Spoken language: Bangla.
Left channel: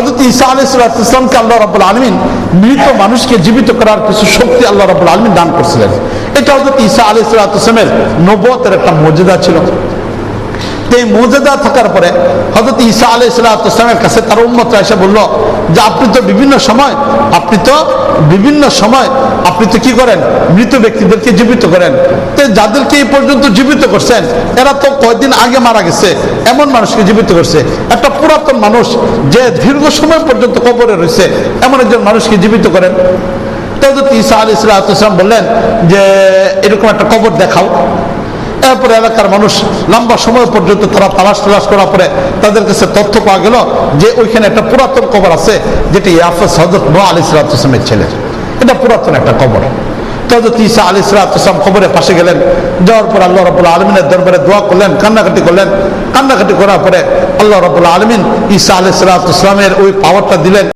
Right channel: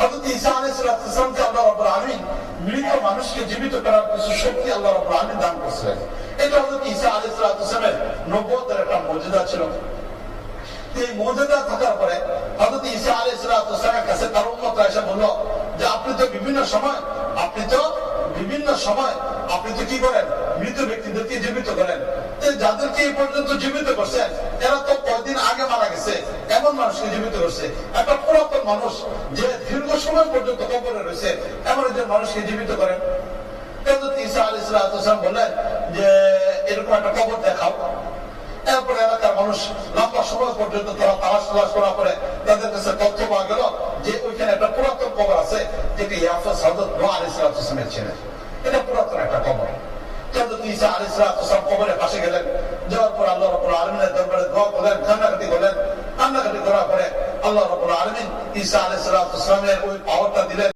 হযরত ঈসা আলাইহিস সালামকে আল্লাহ রাব্বুল আলামিন মৃত মানুষকে জীবিত করার কিছু শক্তি আল্লাহ রাব্বুল আলামিন দান করেছিলেন। এটা হযরত ঈসা আলাইহিস সালামের নবুয়তের একটা মুজিজা ছিল। এই মুজিজা থাকার পরে হযরত ঈসা আলাইহিস সালামের কাছে তার উম্মতরা এসে বলল যে আপনি তো বিভিন্ন সময় আপনি তো কি করেন, মৃত ব্যক্তিদেরকে জীবিত করেন। তো যাদেরকে এই পর্যন্ত জীবিত করছেন এরা তো কয়েকদিন আগে মারা গেছে, এমন মানুষকে জীবিত করছে। একটা পুরাতন মানুষ যে দীর্ঘ সময় পর্যন্ত কবরে রয়েছে এমন একজন মানুষকে জীবিত করেন। তো হযরত ঈসা আলাইহিস সালাম বললেন যে এরকম একটা কবর দেখাও। এরপরে এলাকার মানুষ লম্বা সময় পর্যন্ত তারা তালাশ করার পরে তাদের কাছে তথ্য পাওয়া গেল যে ওইখানে একটা পুরাতন কবর আছে, যেটি ইয়াফেস হযরত নূহ আলাইহিস সালামের ছেলে। এটা পুরাতন একটা কবর। তো হযরত ঈসা আলাইহিস সালাম কবরের পাশে গেলেন, যাওয়ার পর আল্লাহ রাব্বুল আলামিনের দরবারে দোয়া করলেন, কান্নাকাটি করার পরে আল্লাহ রাব্বুল আলামিন ঈসা আলাইহিস সালামের ওই পাওয়ারটা দিলেন।